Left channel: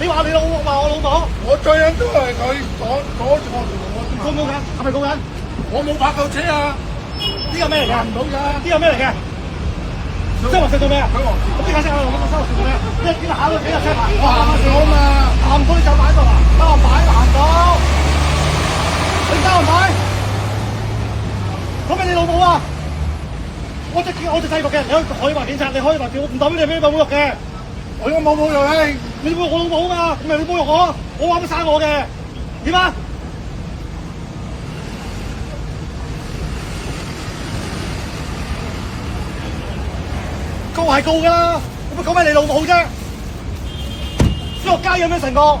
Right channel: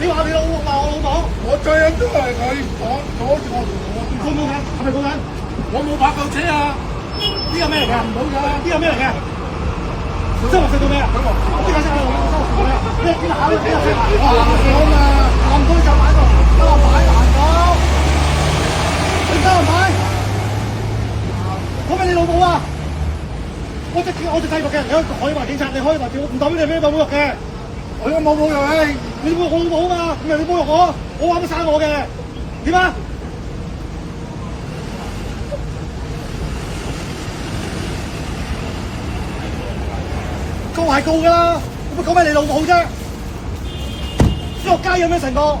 你話你老母話我老母，我最緊都係佢阻住我告唔告緊？係咪告緊？我冇拍到車啊！呢個咩嚟㗎？唔到㗎。呢個咩嚟嘅？新華社做咩啊？我即刻識下啦！我新華社做咩啊？你見下都幾日識啊？我行咗嘛，行唔到你就擺度啦，得我擺行到，你得我擺。講緊你老母啊！我隻制服嘅，你可以話警察，你可以話叫，唔代表你俾你侮辱嘅。我都冇侮辱你，你侮辱我老母啊嘛，唔係你侮辱我，我話乜生我嘅，點啊？告係告㗎啦，我乜講咩你老母啫？小學雞有咩成個？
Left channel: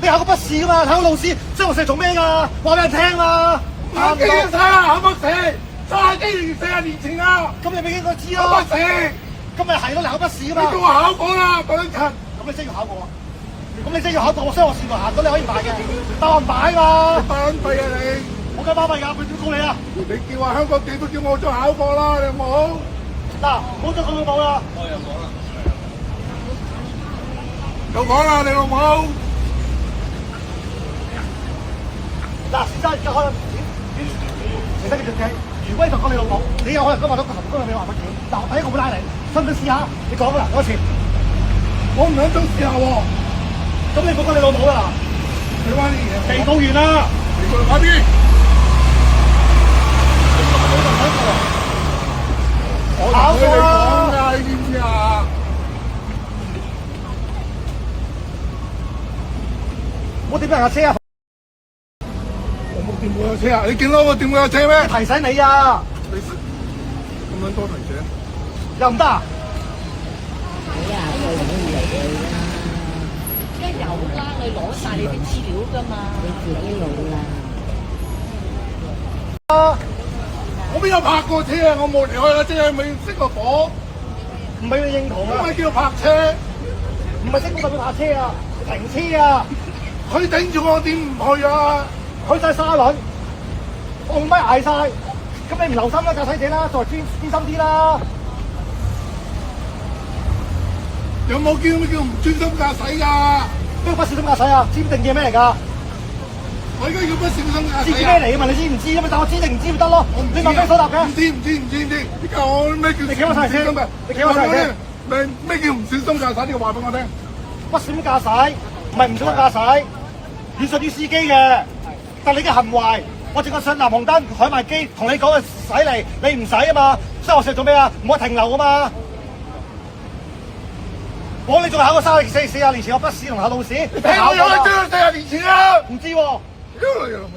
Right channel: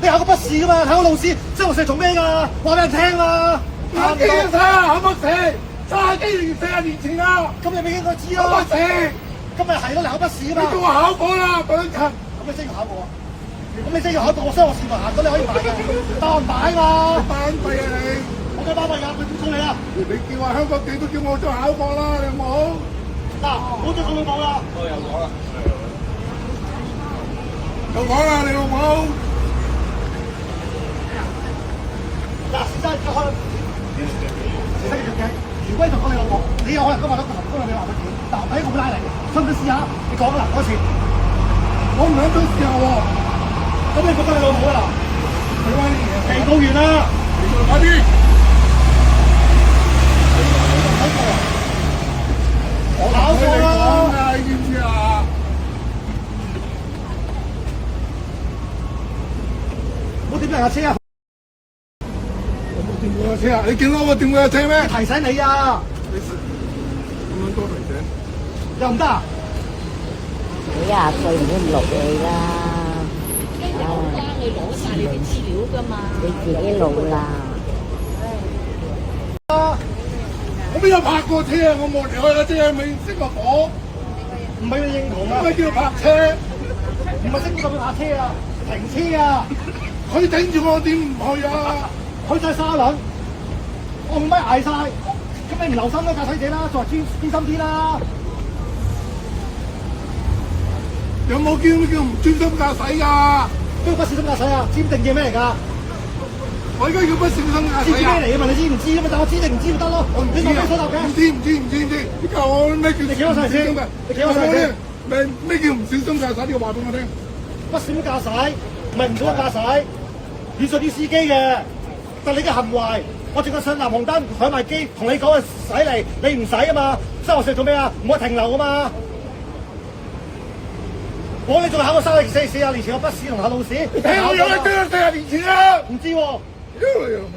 你考個筆試㗎嘛，考個老師，小學社做咩㗎？話俾人聽嘛。我幾年睇啊，考乜試？30幾年40年前啊，咁你咪應該知咯。考乜試？今日係咯，你考筆試㗎嘛。你叫我考過啦，等陣。咁你真要考過啊？咁你真要考過，我商學士台行到你可以買嘅，百萬買嘛。巴閉啊你！我梗係巴閉㗎，佢點告你啊？你叫我香港地都叫我再考過啦，你有冇？嗱，冇再咁樣講啦。我又講啦，又講啦，你老母！嗱，先生有可能其實你條計，如果你同講你老母，你有可能今日都同工人你話乜嘢？但我第一個會拉你，信唔信試下？你講啦，講一次。我唔想再試下喎。咁你講你老母啦，睇翻啲嘢。被告完啦。快啲！我同佢哋講啊，你知唔知啊？我點解有車啊？我冇掂過架車啊！你見到我掂過架車咩？提醒你啊！你咁樣多提醒，又唔得啊？你廿歲唔好咁勞氣啦，有啦，你攞晒你啲資料㗎嘛。你自己老啦。我邊有泊過車啊？我冇離開架車，咪熄個火，唔係你認同啊？咩叫泊車？唔係識咁樣泊車啊，停車啊！佢頂住我點唔去啊？去晒沙輪，我唔咪捱晒，咁你唔留心啦，駕駛者啦，再專心啲啦。有冇叫唔專心駕駛㗎？咩不小心駕駛啊？知唔知定嘅咩嚟㗎？我而家要不小心駕知駛啊！咩嚟㗎嘛？你知唔知咁嘛？但我知定唔知咪得咯？我唔知你問咩所答嘅？唔知。你教我咩叫你企我上嚟先唔小心嘅？你企我上嚟先咩叫唔小心駕駛？呢個話俾我聽。不小心駕駛，唔係唔小心駕駛，你屬於司機嘅。但你嘅行為，我淨係上藍紅燈、海賣機，同你講嘅使嚟，你唔使啊嘛。所以我成做咩啊？唔可以停留啊嘛。我你仲考過40年前有筆試同考老試，你睇我有一張40年前啊！唔知喎。屌你老味！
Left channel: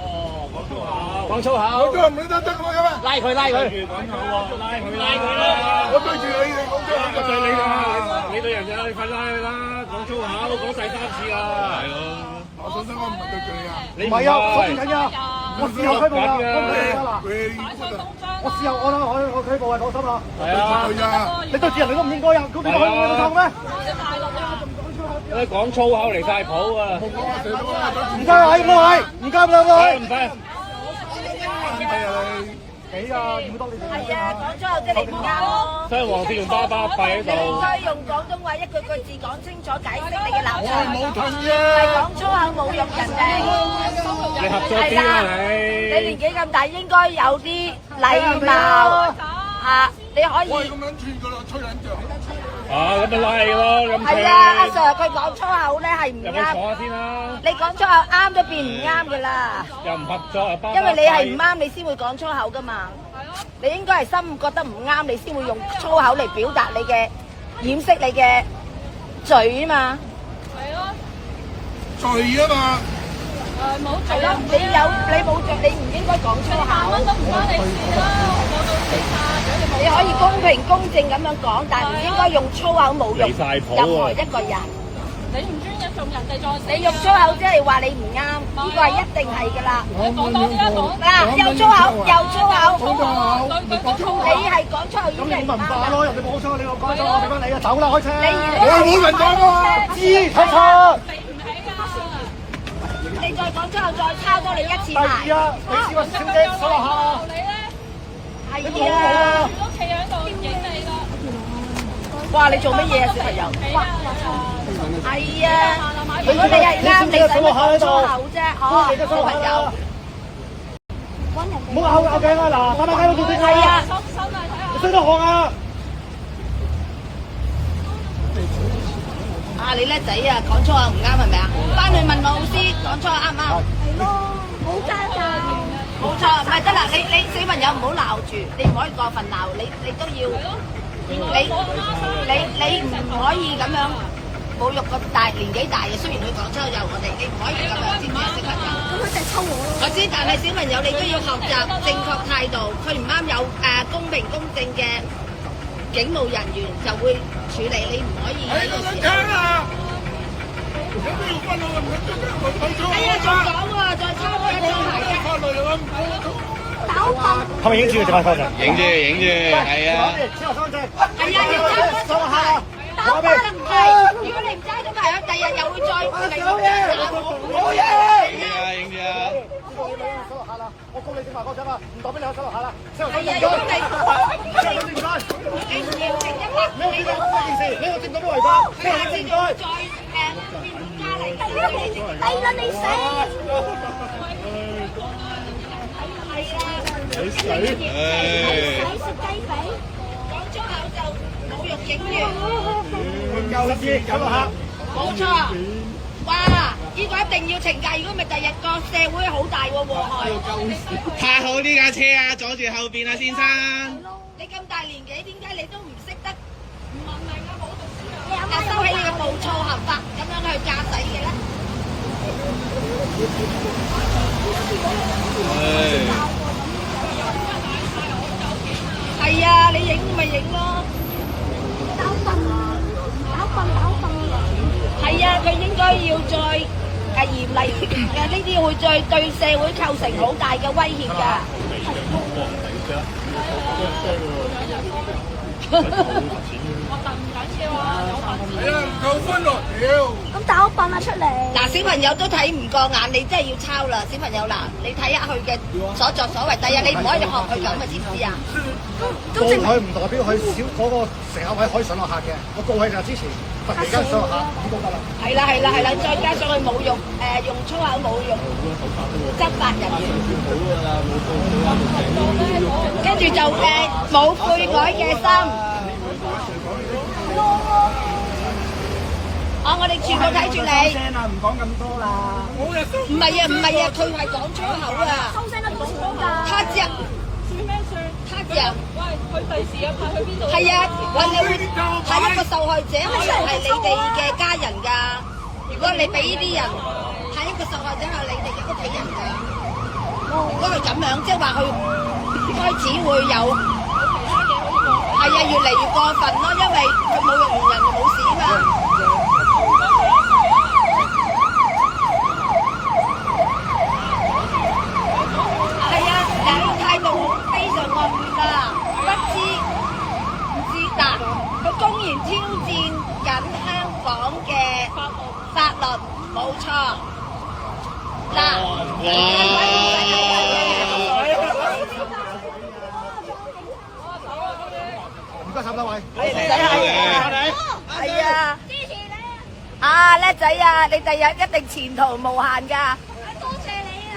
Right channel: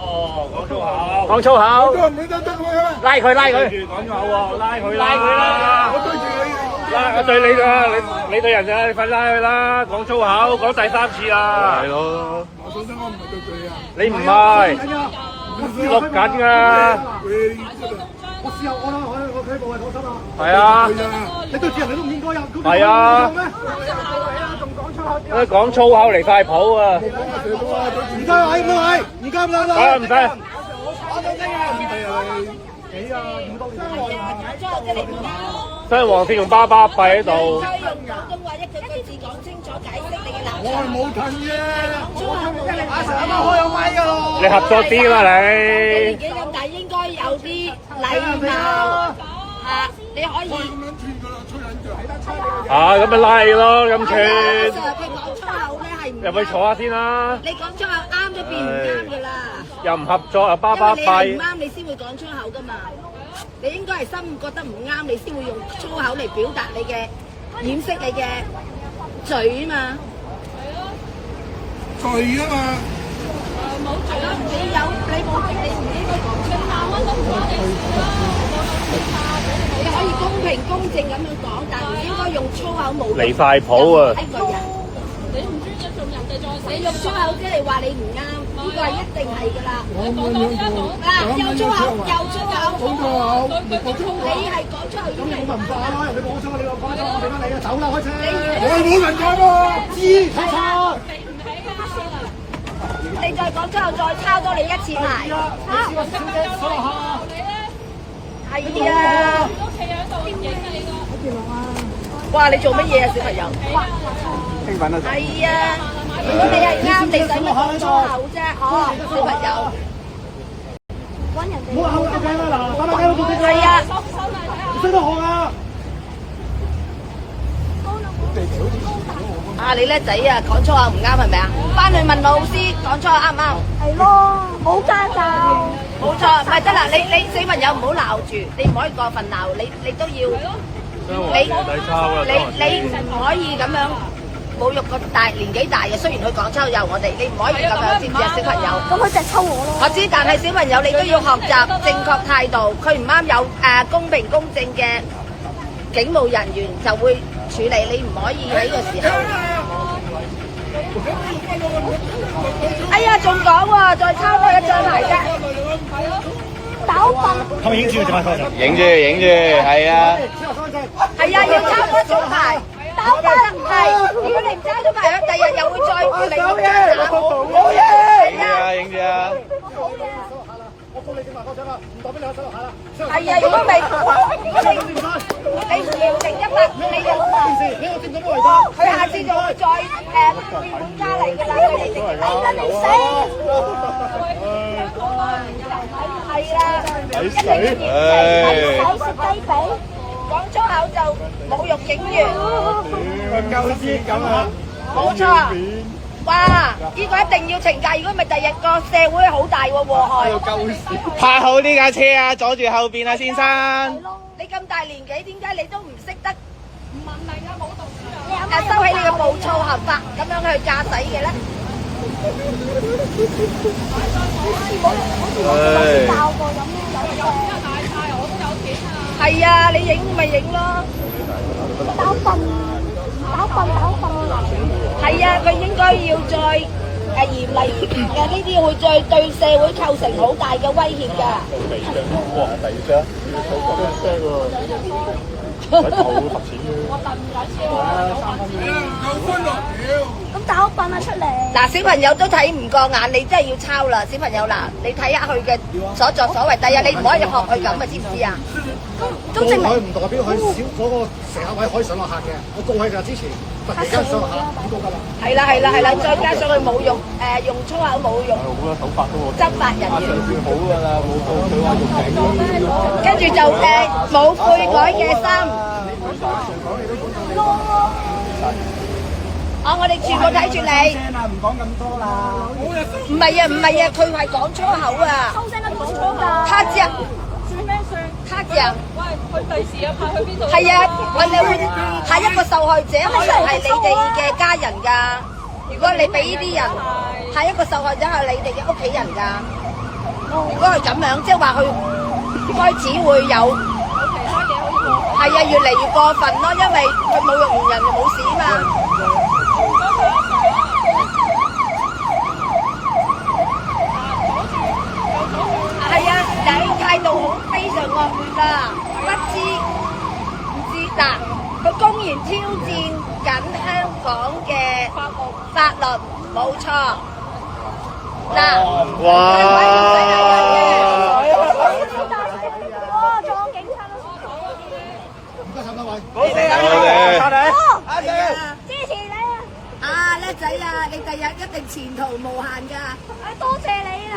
哦，講粗口，講粗口，我都唔記得我嘅。拉佢拉佢，講粗口喎，拉佢啦！我對住你啊！我對你啊，你對人啊，你快拉佢啦！講粗口，講第3次啊！係咯，我信我唔係對住你啊！你唔係，我試下錄緊㗎。我試下我睇過係攞心啦。係啊，你對住人你都唔應該啊！係啊咩？你講粗口嚟晒譜啊！唔該位，唔該位，唔該唔該。唔使。幾啊？要多啲所以黃鐵同巴巴閉喺度。用廣東話一句字講清楚解釋你嘅立我係場。冇同意啊！講粗口冇嘅立場。開有咪㗎咯！你合作啲啦你你。年紀咁大，應該有啲禮貌嚇。你可以我係咁樣串㗎啦，吹撚脹。咁咪拉你咯，咁係啊，阿串。 Sir 佢講粗口咧係唔入去坐啱。下先啦。你講粗口啱都變唔啱㗎啦。又唔合作又巴因巴為你係唔閉。啱，你先會講粗口噶嘛。你應該係心覺得唔啱，你先會用粗口嚟表達你嘅掩飾你嘅嘴啊嘛。罪啊嘛！係咯，你唔應該講粗口。你可以公平公正咁樣講，但係唔應該用粗口侮辱離晒譜啊任何一個人。你唔專一用人哋再你用粗口即係話你唔啱，呢個係一定係㗎啦。嗱，又粗口又粗口，講粗口，講粗口。你係講粗口已咁你經係文化咯，人哋講錯你我講錯，我俾翻你啊，走啦開車。我係冇人講喎。知睇錯。你再講粗口，再抄多你一次牌。係啊，你試過小姐坐落下。你講係啊我。我哇！你做乜嘢啊，小朋友？興奮啊！係啊，我哋係啱你使乜粗口啫？嗬，小朋友。唔好拗頸啊！嗱，打雞好做啲係啊，識得學啊！啊你叻仔啊，講粗口唔啱係咪啊？翻去問老師講粗口啱唔啱？係咯，冇家教。冇錯，唔係得啦，你小朋友唔好鬧住，你唔可以過分鬧，你都要，你唔可以咁樣侮辱個年紀大嘅，雖然佢講粗口有我哋，你唔可以咁樣，知唔知啊，小朋友？咁佢就抽我咯。我知，但係小朋友你都要學習正確態度，佢唔啱有公平公正嘅警務人員就會處理，你唔可以喺個時候。哎呀，仲講喎，再抄多一張牌啫。打笨。可唔可以影住佢？影住，係啊。係啊，要抄多張牌。打笨係，如果你唔抄咗牌，第日又會再嚟。好嘢，好嘢。影住啊！我幫你整埋嗰張啦，唔代表你去收下啦。係啊，如果你唔認定一筆，你就佢下次就會再加嚟㗎啦。低啦你死！係啊，抵死食雞髀。講粗口就侮辱警員。鳩絲咁啊！冇錯。哇！呢個一定要懲戒，如果唔係第日個社會好大喎禍害。泊好呢架車啊，阻住後邊啊，先生。你咁大年紀，點解你都唔識得問大家冇讀書？收起你嘅暴躁行法，咁樣去駕駛嘅咧？教過咁係啊，你影咪影咯。打笨。係啊，佢應該要再嚴厲嘅，呢啲會再對社會構成好大嘅威脅㗎。夠歡樂屌！咁打笨啊出嚟。嗱，小朋友都睇唔過眼，你真係要抄啦，小朋友嗱，你睇下佢嘅所作所為，第日你唔可以學佢咁啊，知唔知啊？告佢唔代表佢少嗰個乘客位可以上落客嘅，我告佢就之前突然間上落客咁都得啦。係啦，再加上佢侮辱用粗口侮辱執法人員，跟住就冇悔改嘅心。我哋全部睇住你。唔講咁多啦。唔係啊，佢係講粗口啊。收聲啦，講粗㗎。他講。他講。喂，佢第時啊派去邊度？係啊，我哋會睇一個受害者，可能係你哋嘅家人㗎。如果你俾呢啲人係一個受害者，係你哋嘅屋企人㗎。如果係咁樣，即係話佢開始會有係啊，越嚟越過分咯，因為佢侮辱完人就冇事嘛。係啊，你態度非常惡劣啦，唔知嗱，佢公然挑戰緊香港嘅法律，冇錯。嗱，唔該曬各位。係啊，支持你啊！啊叻仔啊，你第日一定前途無限㗎。多謝你啊！